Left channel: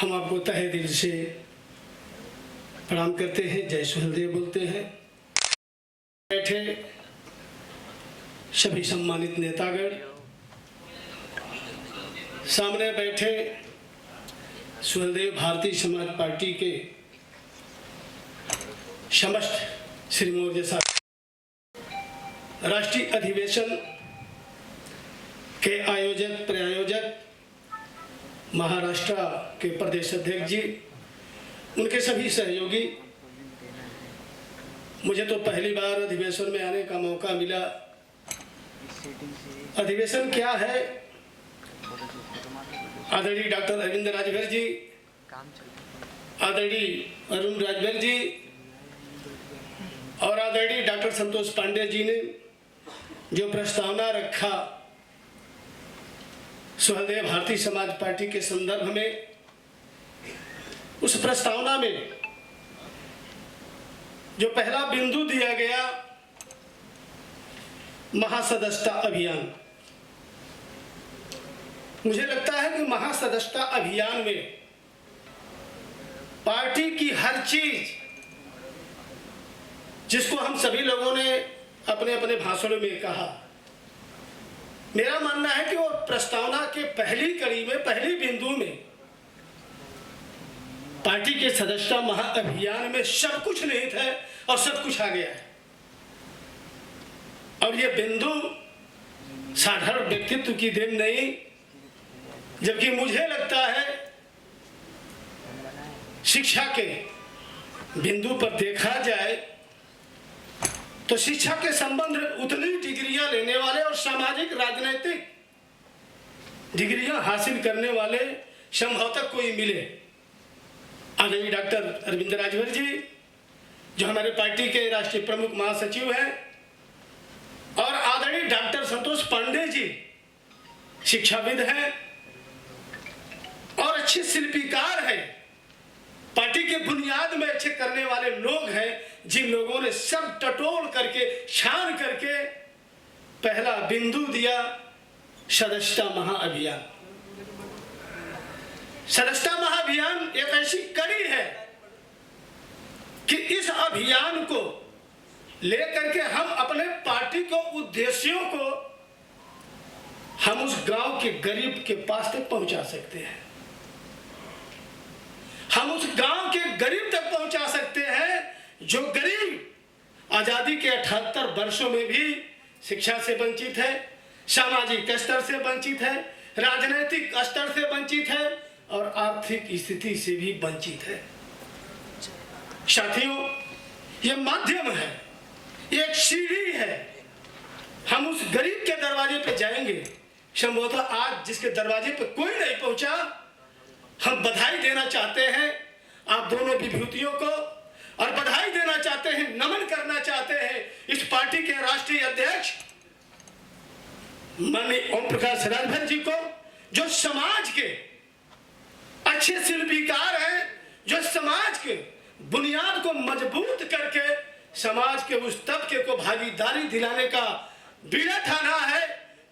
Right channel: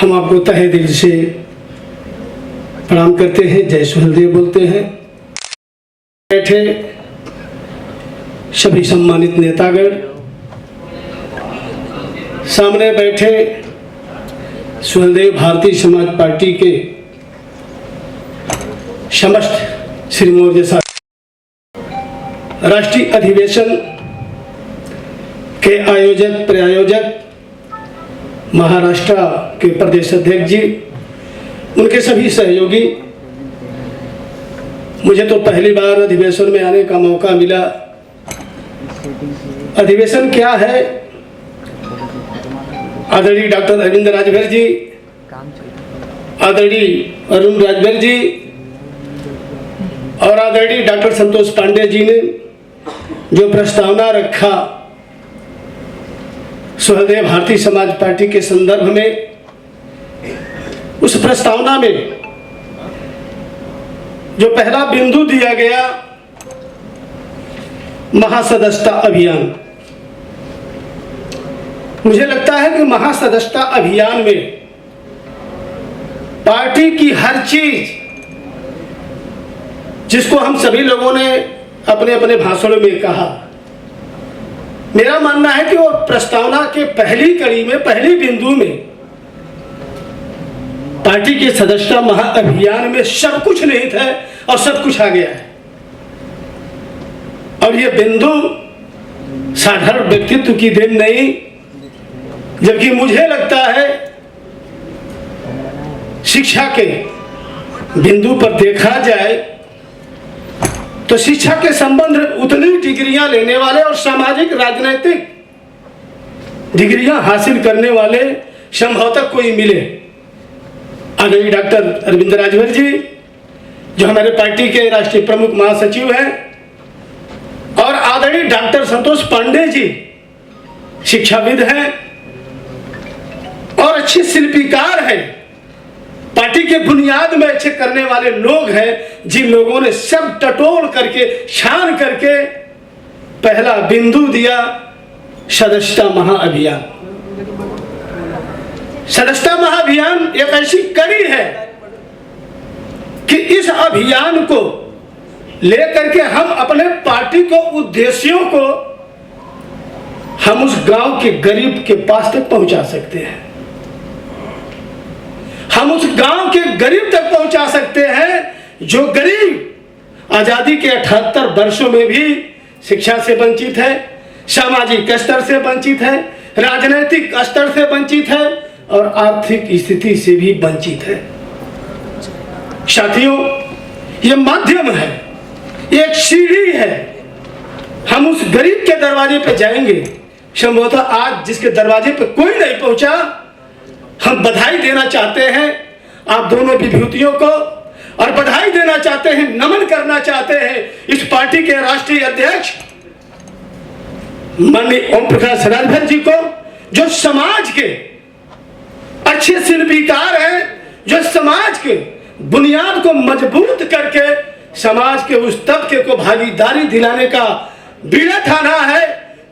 हम आपको तहे दिल से प्रणाम करते हैं, जय सुहेलदेव बोलते हैं। बैठे सभी सम्मानित नेतागण, सामने बैठे सुहेलदेव भारतीय समाज पार्टी के समस्त श्रीमोर जैसा राष्ट्रीय अधिवेशन के आयोजक प्रायोजक महाराष्ट्र के प्रदेश अध्यक्ष जी, उनके सभी सहयोगी, मुझे तो पहली बार अधिवेशन में आने का मौका मिला। अधिवेशन क्या है, आदरणीय डॉक्टर अरविंद राजभर जी, आदरणीय अरुण राजभर जी और आदरणीय डॉक्टर संतोष पांडे जी ने जो प्रस्तावना रखा सुहेलदेव भारतीय समाज पार्टी के संदर्भ में, उस प्रस्तावना में जो पहला बिंदु दिया गया महासदस्यता अभियान, मुझे लगता है कि महासदस्यता अभियान में पार्टी की हर चीज, जिसको हम सभी लोगों ने अपने अपने भाषणों में कहा, मेरा मानना है कि वो प्रस्तावना के पहली कड़ी में, पहली बिंदु में पार्टी के सदस्यता महाअभियान में सब कुछ नहीं था और सब कुछ आ गया है। और ये बिंदु साधारण व्यक्तित्व की देन नहीं, जबकि मुझे लगता है शिक्षा के बिंदु पर देखा जाए तो शिक्षा के संबंध उतनी डिग्रियां लेने वाले और सामाजिक राजनीतिक डिग्रियां हासिल करने वाले संभवतः कोई मिले। आदरणीय डॉक्टर अरविंद राजभर जी, जो हमारे पार्टी के राष्ट्रीय प्रमुख महासचिव हैं, और आदरणीय डॉक्टर संतोष पांडे जी शिक्षाविद हैं और अच्छे शिल्पीकार हैं, पार्टी के बुनियाद में अच्छे करने वाले लोग हैं, जिन लोगों ने सब टटोल करके छान करके पहला बिंदु दिया सदस्यता महाअभियान। सदस्यता महाअभियान एक ऐसी कड़ी है कि इस अभियान को लेकर के हम अपने पार्टी को उद्देश्यों को हम उस गांव के गरीब के पास तक पहुंचा सकते हैं, हम उस गांव के गरीब तक पहुंचा सकते हैं जो गरीब आजादी के 78 वर्षों में भी शिक्षा से वंचित है, सामाजिक स्तर से वंचित है, राजनीतिक स्तर से वंचित है और आर्थिक स्थिति से भी वंचित है। साथियों, ये माध्यम है, एक सीढ़ी है। हम उस गरीब के दरवाजे पे जाएंगे। संभवतः आज जिसके दरवाजे पे कोई नहीं पहुंचा, हम बधाई देना चाहते हैं आप दोनों विभूतियों को, और बधाई देना चाहते हैं, नमन करना चाहते हैं इस पार्टी के राष्ट्रीय अध्यक्ष माननीय ओम प्रकाश राजभर जी को, जो समाज के अच्छे शिल्पीकार हैं, जो समाज के बुनियाद को मजबूत करके समाज के उस तबके को भागीदारी दिलाने का बीड़ा ठाना है,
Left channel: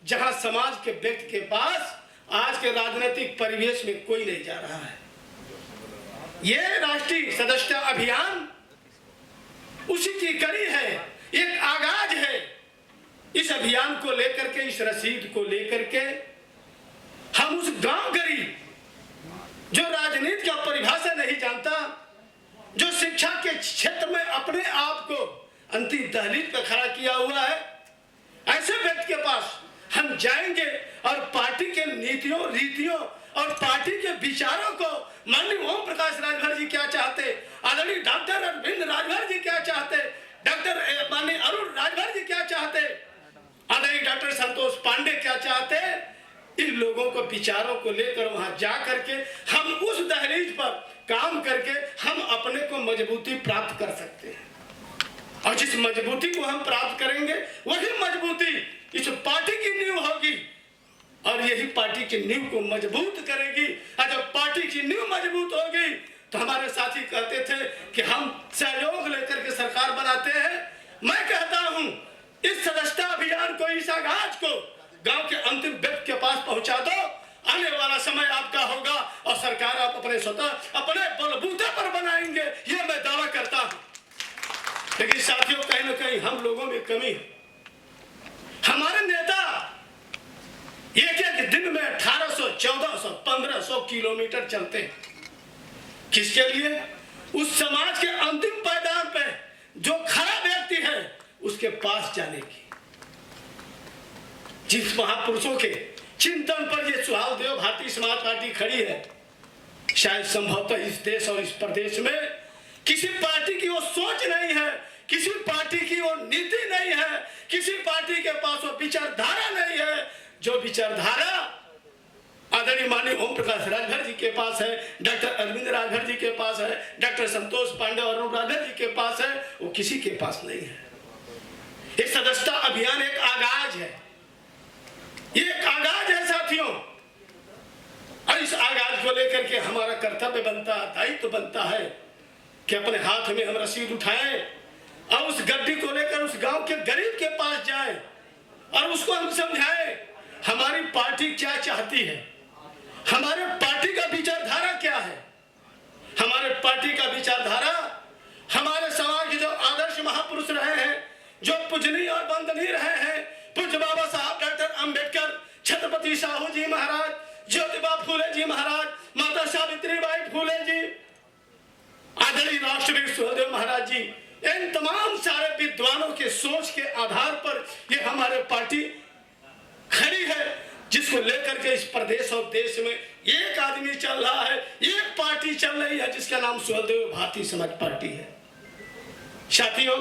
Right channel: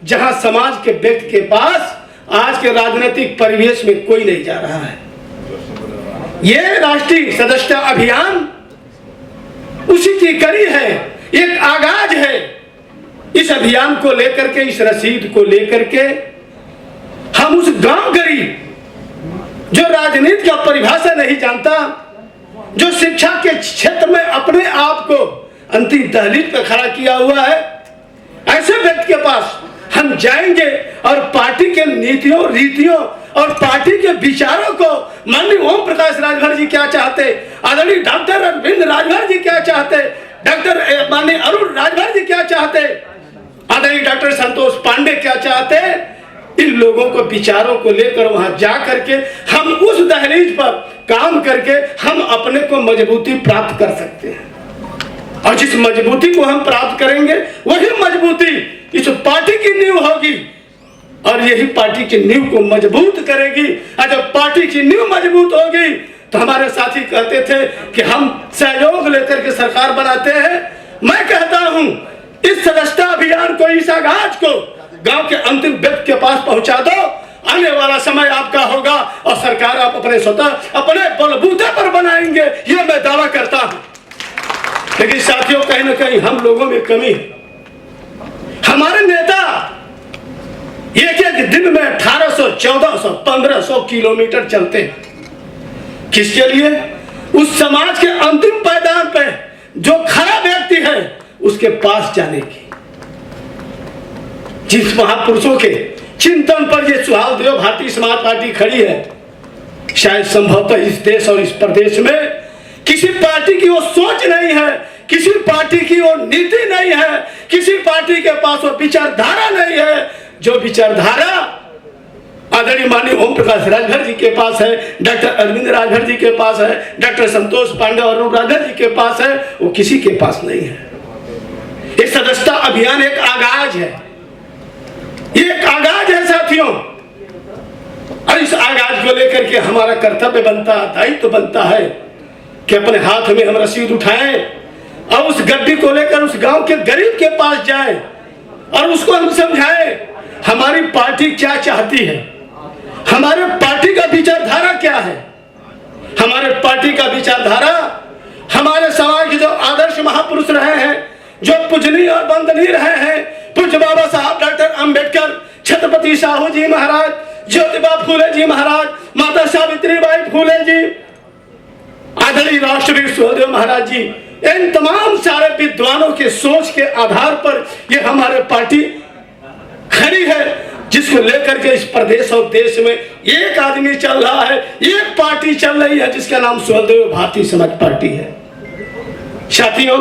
जहां समाज के व्यक्ति के पास आज के राजनीतिक परिवेश में कोई नहीं जा रहा है। यह राष्ट्रीय सदस्यता अभियान उसी की कड़ी है, एक आगाज है। इस अभियान को लेकर के, इस रसीद को लेकर के हम उस गांव गरीब जो राजनीति का परिभाषा नहीं जानता, जो शिक्षा के क्षेत्र में अपने आप को अंतिम दहलीज पर खड़ा किया हुआ है, ऐसे व्यक्ति के पास हम जाएंगे और पार्टी के नीतियों, रीतियों और पार्टी के विचारों को माननीय ओम प्रकाश राजभर जी क्या चाहते, आदरणीय डॉक्टर अरविंद राजभर जी क्या चाहते, डॉक्टर माननीय अरुण राजभर जी क्या चाहते, आदरणीय डॉक्टर संतोष पांडे क्या चाहते, इन लोगों को विचारों को लेकर वहां जा करके हम उस दहलीज पर काम करके हम अपने को मजबूती प्राप्त कर सकते हैं। और जिस मजबूती को हम प्राप्त करेंगे, वही मजबूती इस पार्टी की नींव होगी और यही पार्टी की नींव को मजबूत करेगी। और जब पार्टी की नींव मजबूत होगी तो हमारे साथी कहते थे कि हम सहयोग लेकर के सरकार बनाते हैं। मैं कहता हूं इस सदस्यता अभियान को, इस आगाज को गांव के अंतिम व्यक्ति के पास पहुंचा दो, आने वाला समय आपका होगा और सरकार अपने स्वतः अपने बलबूते पर बनाएंगे, ये मैं दावा करता हूं। लेकिन साथियों, कहीं ना कहीं हम लोगों में कमी है। हमारे नेता एक एक दिन में 1800, 1400, 1500 किलोमीटर चलते हैं। किसके लिए? उस समाज के अंतिम पायदान पे जो खरा व्यक्ति है उसके पास जाने की। जिस महापुरुषों के चिंतन पर ये सुहालदेव भारतीय समाज पार्टी खड़ी है, शायद संभवतः इस देश और इस प्रदेश में किसी पार्टी की वो सोच नहीं है, किसी पार्टी की वो नीति नहीं है, किसी पार्टी के पास वो विचारधारा नहीं है, जो विचारधारा आदरणीय माननीय ओम प्रकाश राजभर जी के पास है, डॉक्टर अरविंद राजभर जी के पास है, डॉक्टर संतोष पांडे और अरुण राजभर जी के पास है, वो किसी के पास नहीं है। ये सदस्यता अभियान एक आगाज है, ये एक आगाज है साथियों। और इस आगाज को लेकर के हमारा कर्तव्य बनता, दायित्व बनता है कि अपने हाथ में हम रसीद उठाएं और उस गड्डी को लेकर उस गांव के गरीब के पास जाएं और उसको हम समझाएं हमारी पार्टी क्या चाहती है, हमारे पार्टी का विचारधारा क्या है। हमारे पार्टी का विचारधारा हमारे समाज के जो आदर्श महापुरुष रहे हैं, जो पूजनीय और वंदनीय रहे हैं, पूज्य बाबा साहब डॉक्टर अंबेडकर, छत्रपति साहू जी महाराज, ज्योतिबा फूले जी महाराज, माता सावित्रीबाई फूले जी, आदरणीय राष्ट्रवीर सुखदेव महाराज जी, इन तमाम सारे विद्वानों के सोच के आधार पर ये हमारे पार्टी खड़ी है, जिसको लेकर के इस प्रदेश और देश में एक आदमी चल रहा है, एक पार्टी चल रही है, जिसका नाम सुखदेव भारतीय समाज पार्टी है। साथियों,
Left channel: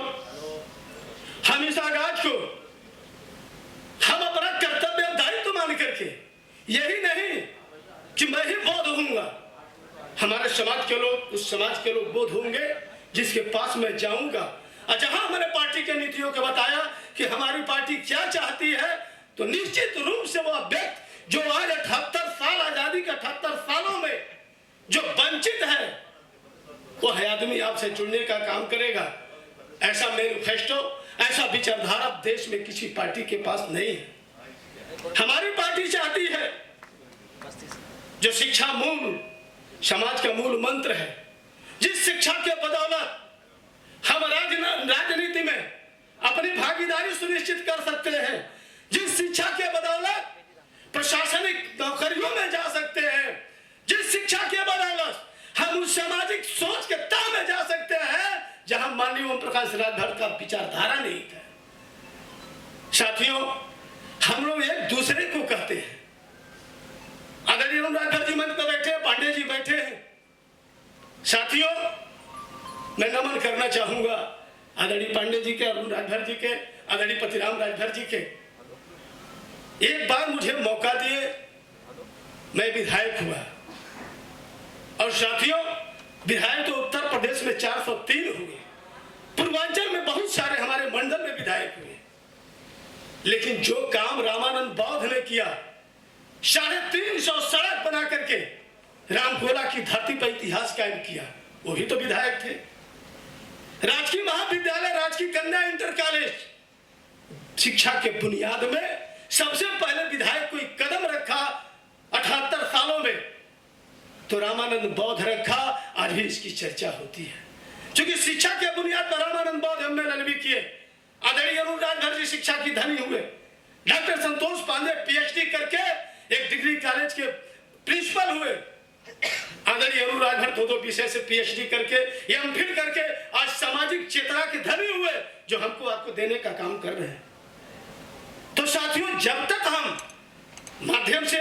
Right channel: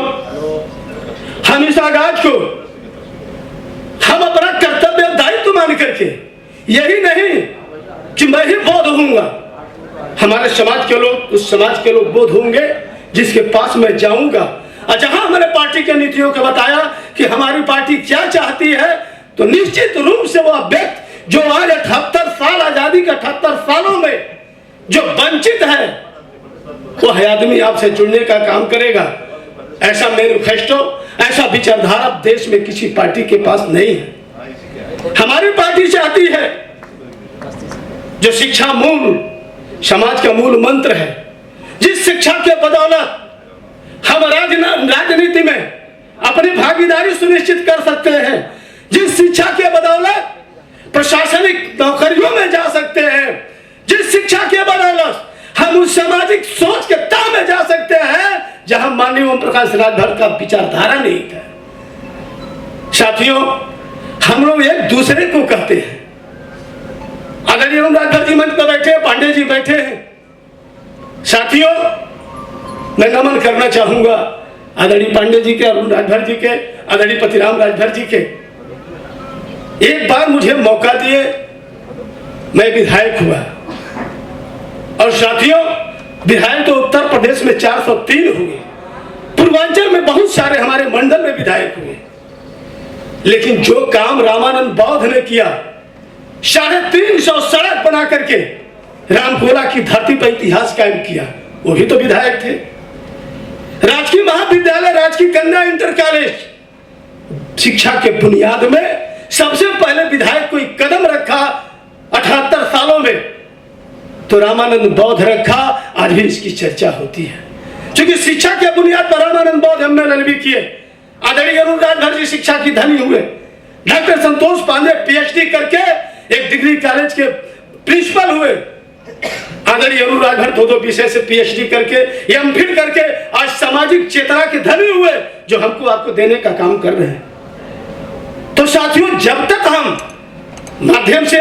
हम इस आगाज को हम अपना कर्तव्य दायित्व मान करके, यही नहीं कि मैं ही बोध होऊंगा, हमारे समाज के लोग, उस समाज के लोग बोध होंगे जिसके पास मैं जाऊंगा। और जहां हमने पार्टी के नीतियों को बताया कि हमारी पार्टी क्या चाहती है, तो निश्चित रूप से वह व्यक्ति जो आज 78 साल आजादी के 78 सालों में जो वंचित है, वह आदमी आपसे जुड़ने का काम करेगा। ऐसा मैनिफेस्टो, ऐसा विचारधारा देश में किसी पार्टी के पास नहीं है। हमारी पार्टी चाहती है जो शिक्षा मूल समाज का मूल मंत्र है, जिस शिक्षा के बदौलत हम राजनीति में अपनी भागीदारी सुनिश्चित कर सकते हैं, जिस शिक्षा के बदौलत प्रशासनिक नौकरियों में जा सकते हैं, जिस शिक्षा के बदौलत हम उस सामाजिक सोच के ताह में जा सकते हैं जहां माननीय ओम प्रकाश राजभर का विचारधारा नहीं था। साथियों, हम लोग एक दूसरे को कहते हैं, आदरणीय ओम राजभर जी मंच पर बैठे हैं, पांडे जी बैठे हैं। साथियों, मैं नमन करना चाहूंगा आदरणीय पांडे जी के, अरुण राजभर जी के, आदरणीय पतिराम राजभर जी के। एक बार मुझे मौका दिए, मैं विधायक हुआ। और साथियों, विधायक तो उत्तर प्रदेश में 403 हुए, पूर्वांचल में बहुत सारे हमारे मंडल में विधायक हुए, लेकिन जो काम रामानंद बौद्ध ने किया, 350 सड़क बना करके रामकोला की धरती पर इतिहास कायम किया, वो भी तो विधायक थे। राजकीय महाविद्यालय, राजकीय कन्या इंटर कॉलेज, शिक्षा के बुनियाद में सबसे पहले विधायक कोई कदम रखा 78 सालों में, तो रामानंद बौद्ध रखा। आज भी इसकी चर्चा होती है, क्योंकि शिक्षा के बुनियाद पर रामानंद बौद्ध एमए भी किए। आदरणीय अरुण राजभर जी शिक्षा की धनी हुए। डॉक्टर संतोष पांडे पीएचडी करके एक डिग्री कॉलेज के प्रिंसिपल हुए। आदरणीय अरुण राजभर 2 विषय से पीएचडी करके, एमफिल करके आज सामाजिक चेतना के धनी हुए, जो हमको आपको देने का काम कर रहे हैं। तो साथियों, जब तक हम माध्यम से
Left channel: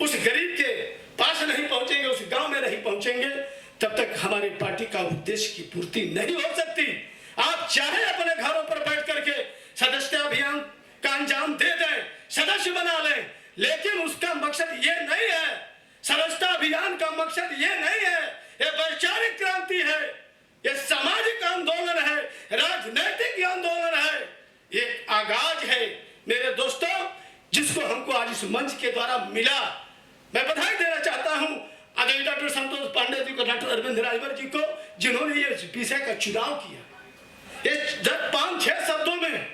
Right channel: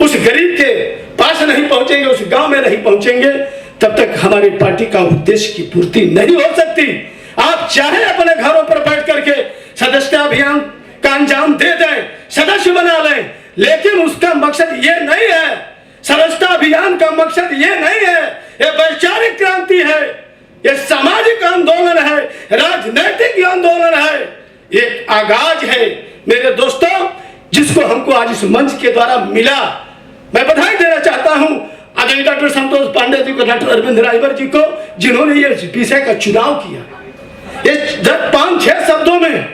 उस गरीब के पास नहीं पहुंचेंगे, उस गांव में नहीं पहुंचेंगे, तब तक हमारी पार्टी का उद्देश्य की पूर्ति नहीं हो सकती। आप चाहे अपने घरों पर बैठ करके सदस्यता अभियान का अंजाम दे दें, सदस्य बना लें, लेकिन उसका मकसद ये नहीं है। सदस्यता अभियान का मकसद ये नहीं है। ये वैचारिक क्रांति है, ये सामाजिक आंदोलन है, राजनैतिक आंदोलन है, एक आगाज है मेरे दोस्तों, जिसको हमको आज इस मंच के द्वारा मिला। मैं बधाई देना चाहता हूं आदरणीय डॉक्टर संतोष पांडे जी को, डॉक्टर अरविंद राजभर जी को, जिन्होंने ये विषय का चुनाव किया। ये 5-6 शब्दों में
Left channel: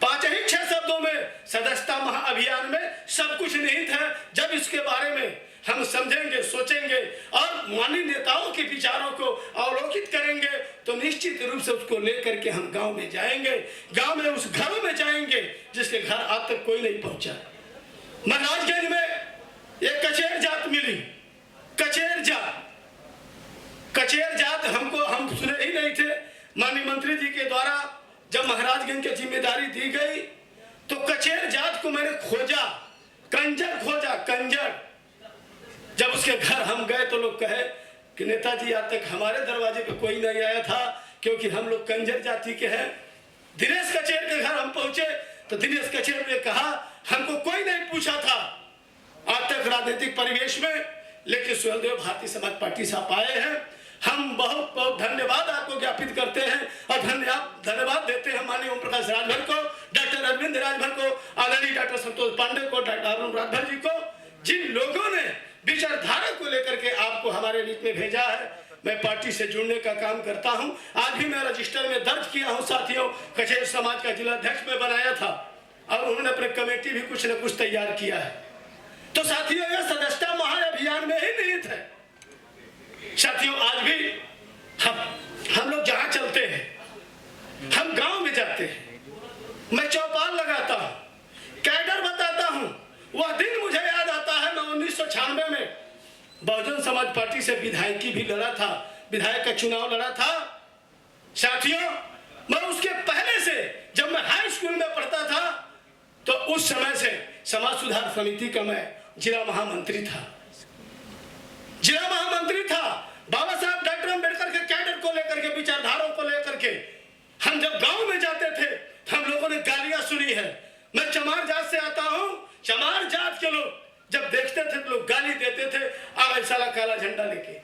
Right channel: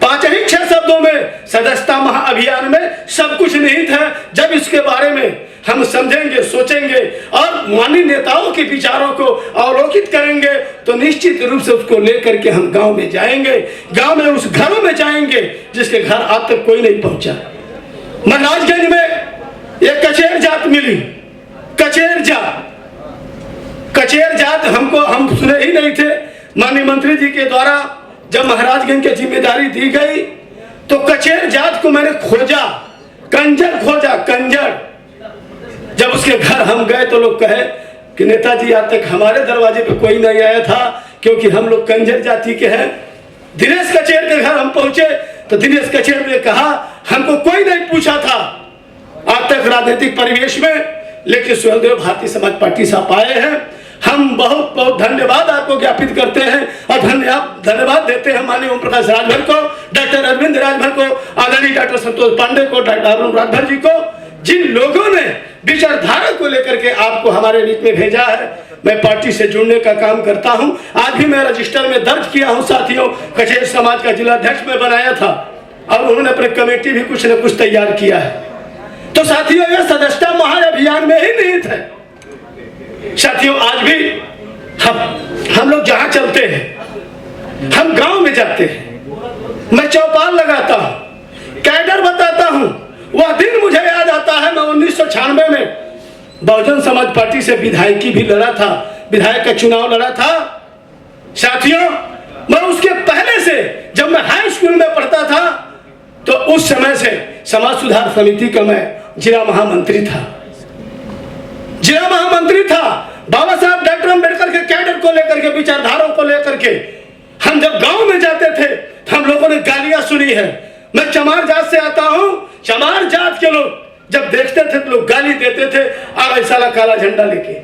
5 ही 6 शब्दों में सदस्यता महाअभियान में सब कुछ निहित है। जब इसके बारे में हम समझेंगे, सोचेंगे और माननीय नेताओं के विचारों को अवलोकित करेंगे तो निश्चित रूप से उसको लेकर के हम गांव में जाएंगे, गांव में उस घरों में जाएंगे जिसके घर आज तक कोई नहीं पहुंचा। महाराजगंज में एक कचेर जात मिली, कचेर जात हम सुने ही नहीं थे। माननीय मंत्री जी के द्वारा जब महाराजगंज की जिम्मेदारी दी गई तो कचेर जात को मैंने खोजा, कंजर। जब उसके घर हम गए तो लोग कहे कि नेताजी आज तक हमारे दरवाजे पे कोई नहीं आया था क्योंकि हम लोग कंजर जाति के हैं। दिनेश कचेर के घर हम पहुंचे तो दिनेश कचेर ने कहा हमको कोई नहीं पूछा था आज तक राजनीतिक परिवेश में, लेकिन स्वयंदेव भारतीय समाज पार्टी से आप आए हैं। हम बहुत बहुत धन्यवाद आपको ज्ञापित करते हैं और धन्यवाद देते हैं माननीय ओम प्रकाश राजभर को, डॉक्टर अरविंद राजभर को, आदरणीय डॉक्टर संतोष पांडे को, डॉक्टर अरुण राजभर जी को, जिन लोगों ने विचारधारा को लेकर के आपको हमारे बीच में भेजा है। मैं पार्टी से जुड़ने का काम करता हूं। आज भी मैं रजिस्टर में दर्ज किया हूं साथियों, कचेर समाज का जिला अध्यक्ष में बनाया था और उन्होंने अपने कमेटी भी कुछ न कुछ तैयार किया है। तो साथियों यह सदस्यता महाअभियान में ही निहित है। साथियों आज भी हम लोग जहां चलते हैं, हम गांव में जाते हैं, मैं चौपाल लगाता हूं, कैडर बताता हूं। वह दिन मुझे याद आता है, मैं 1996 में बहुजन समाज पार्टी से विधायकी भी लड़ा था, विधायक का चुनाव लड़ा था। साथियों मैं उसके पहले से जब मैं हाई स्कूल में पढ़ता था तो उस समय से समाज सुधार समिति का मैं जिला महामंत्री था। बाबा साहब डॉक्टर अम्बेडकर के कैडर को लेकर के, विचारधाराओं को लेकर के हम जब गांव में जाते थे तो हम लोगों ने गालियां सुनी है। मैं चमार जात से आता हूं, चमार जात के लोग जब देखते थे तो लोग गाली देते थे, आ साला काला झंडा लेके।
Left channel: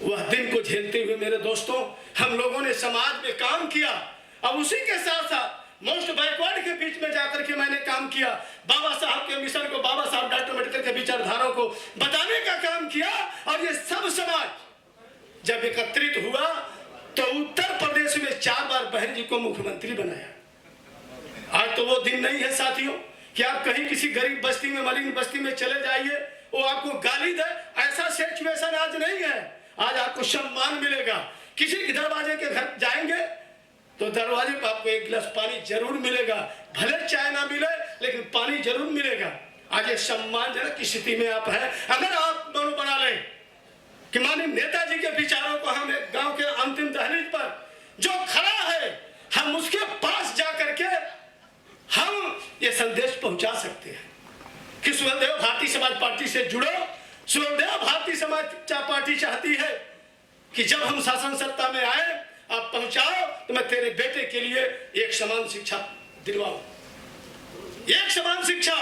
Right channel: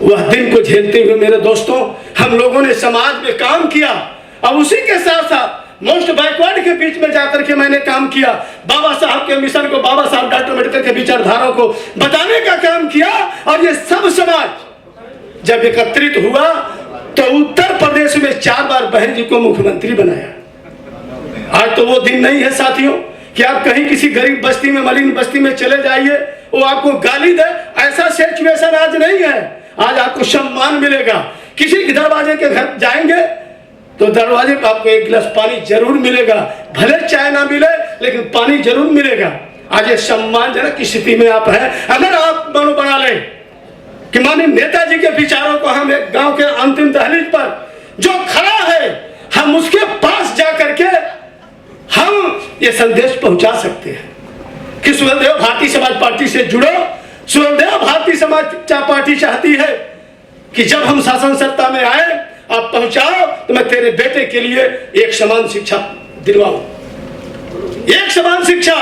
वह दिन को झेलते हुए मेरे दोस्तों हम लोगों ने समाज में काम किया और उसी के साथ साथ मोस्ट बैकवर्ड के बीच में जाकर के मैंने काम किया। बाबा साहब के मिशन को, बाबा साहब डॉक्टर अम्बेडकर के विचारधाराओं को बताने का काम किया और ये सब समाज जब एकत्रित हुआ तो उत्तर प्रदेश में 4 बार बहन जी को मुख्यमंत्री बनाया। आज तो वो दिन नहीं है साथियों कि आप कहीं किसी गरीब बस्ती में, मलिन बस्ती में चले जाइए, वो आपको गाली दे, ऐसा सिचुएशन आज नहीं है। आज आपको सम्मान मिलेगा। किसी दरवाजे के घर जाएंगे तो दरवाजे पर आपको 1 गिलास पानी जरूर मिलेगा, भले चाय ना मिले लेकिन पानी जरूर मिलेगा। आज ये सम्मानजनक की स्थिति में आप हैं। अगर आप मनो बना लें कि माननीय नेताजी के विचारों को हम एक गांव के अंतिम दहलीज पर जो खड़ा है हम उसके पास जा करके हम ये संदेश पहुंचा सकते हैं कि स्वयंदेव भारतीय समाज पार्टी से जुड़ो। स्वयंदेव भारतीय समाज पार्टी चाहती है कि जब हम शासन सत्ता में आए आप पहुंचाओ तो मैं तेरे बेटे के लिए एक समान शिक्षा दिलवाऊं। एक समान शिक्षा,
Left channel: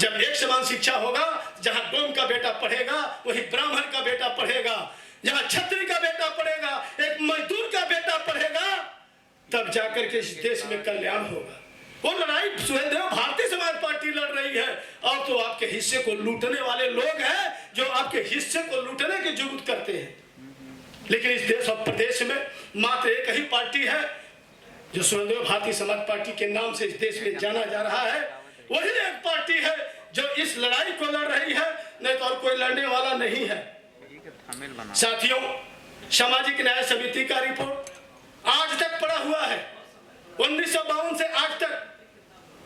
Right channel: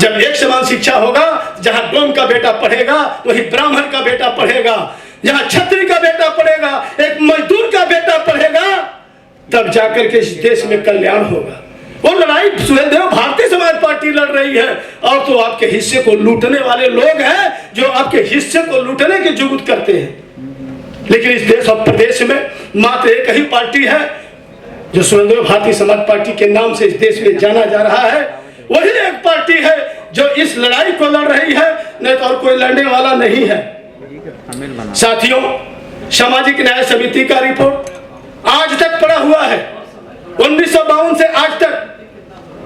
जब एक समान शिक्षा होगा, जहां डोम का बेटा पढ़ेगा वही ब्राह्मण का बेटा पढ़ेगा, जहां क्षत्रिय का बेटा पढ़ेगा, एक मजदूर का बेटा पढ़ेगा, तब जाकर के इस देश में कल्याण होगा। वो लड़ाई स्वयंदेव भारतीय समाज पार्टी लड़ रही है और तो आपके हिस्से को लूटने वाले लोग हैं जो आपके हिस्से को लूटने की जुगुत करते हैं। लेकिन इस देश और प्रदेश में मात्र एक ही पार्टी है जो स्वयंदेव भारतीय समाज पार्टी के नाम से इस देश में जाना जा रहा है। वही एक पार्टी है जो इस लड़ाई को लड़ रही है, नहीं तो और कोई लड़ने वाला नहीं है। साथियों सामाजिक न्याय समिति का रिपोर्ट आज तक पड़ा हुआ है। 1952 से आज तक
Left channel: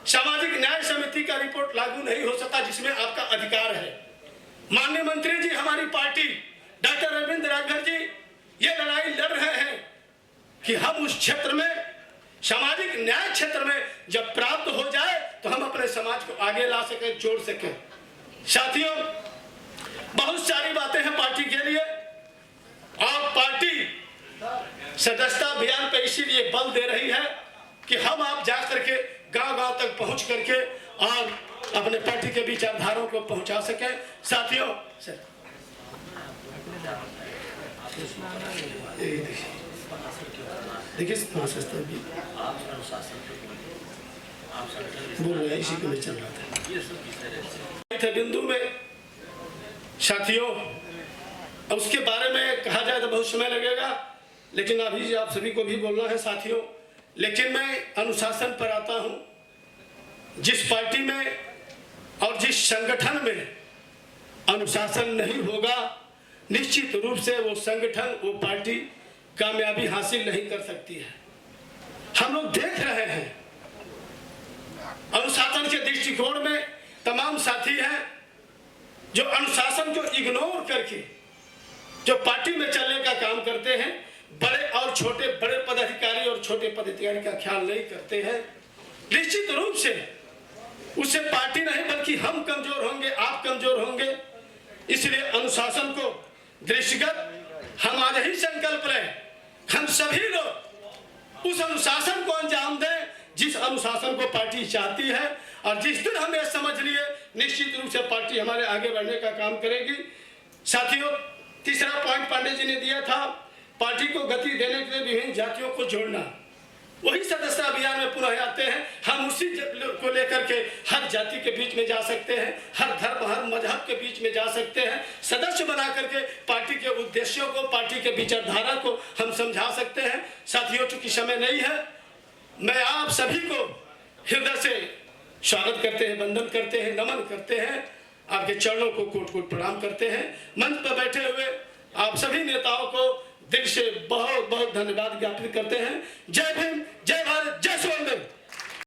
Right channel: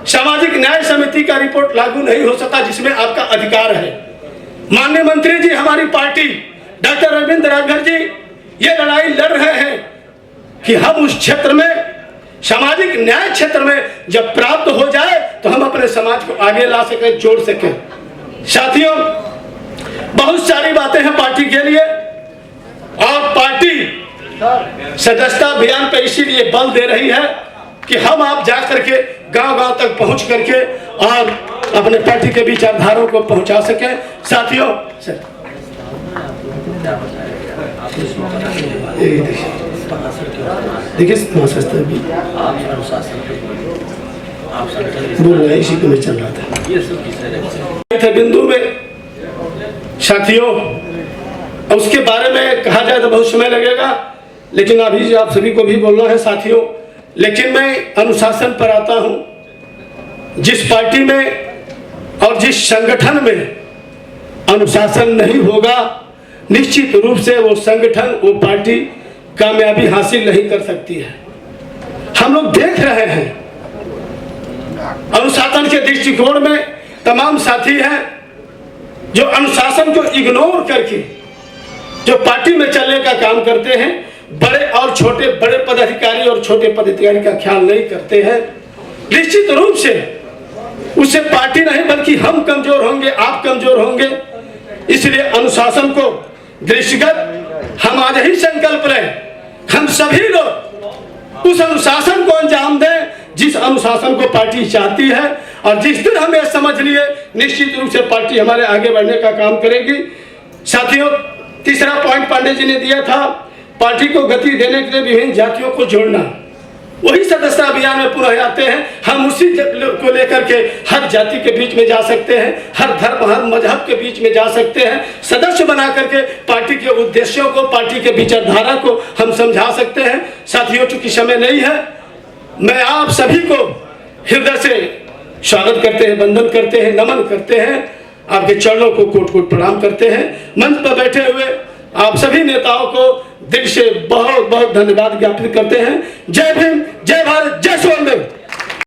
सामाजिक न्याय समिति का रिपोर्ट लागू नहीं हो सका जिसमें आपका अधिकार है। माननीय मंत्री जी, हमारी पार्टी डॉक्टर अरविंद राजभर जी ये लड़ाई लड़ रहे हैं कि हम उस क्षेत्र में, सामाजिक न्याय क्षेत्र में जब प्राप्त हो जाए तो हम अपने समाज को आगे ला सके, जोड़ सके। साथियों बहुत सारी बातें हैं पार्टी के लिए और पार्टी सदस्यता अभियान पर इसीलिए बल दे रही है कि हम आप जा करके गांव-गांव तक पहुंच करके और अपने पार्टी के विचारधाराओं को पहुंचा सके। साथियों देखिए बोल रहे इसी को मैं चल रहा था बिंदु में। साथियों उसके बारे में कहा जाए तो बहुत समय लगेगा, लेकिन अभी आप सभी को भी बोलना है साथियों लेकिन मैं अनुशासन पर आता हूं। जिस पार्टी में और जिस संगठन में अनुशासन नहीं होगा, निश्चित रूप से वो संगठन, वो पार्टी कामयाबी हासिल नहीं कर सकती है। हम लोग देख रहे हैं अनुशासन के दृष्टिकोण में तमाम साथी हैं जो अनुशासन को इग्नोर करके जो पार्टी में चलने का काम करते हैं। बड़े और छोटे, बड़े पदाधिकारी और छोटे पदाधिकारी का ख्याल नहीं करते हैं। निश्चित रूप से उससे पार्टी नहीं बल्कि हम कमजोर होंगे, आप कमजोर होंगे। इसलिए अनुशासन को दृष्टिगत हम आज ही संकल्प लें, हम सभी लोग उस अनुशासन को अंजाम दें जिस अनुशासन को पार्टी चाहती है। और जिस दिन हम यह समझ लिए, निश्चित रूप से पार्टी हमारे आगे बढ़ने का काम करेगी। साथियों, तीसरा पॉइंट पांडे जी ने दिया था, पार्टी को गति देने के लिए विभिन्न जातियों को जोड़ना। वही सदस्यता अभियान में पुनः आते हैं। हम उसी को लेकर के हर जाति के बीच में जा सकते हैं, हर धर्म, हर मजहब के बीच में जा सकते हैं। सदस्य बना करके पार्टी के उद्देश्यों को, पार्टी के विचारधारा को हम समझा सकते हैं। साथियों, चूंकि समय नहीं है, मैं आप सभी को हृदय से स्वागत करते हैं, वंदन करते हैं, नमन करते हैं, आपके चरणों को कोट कोट प्रणाम करते हैं। मंच पर बैठे हुए आप सभी नेताओं को दिल से बहुत बहुत धन्यवाद ज्ञापित करते हैं। जय भीम, जय भारत, जय सोनदेव।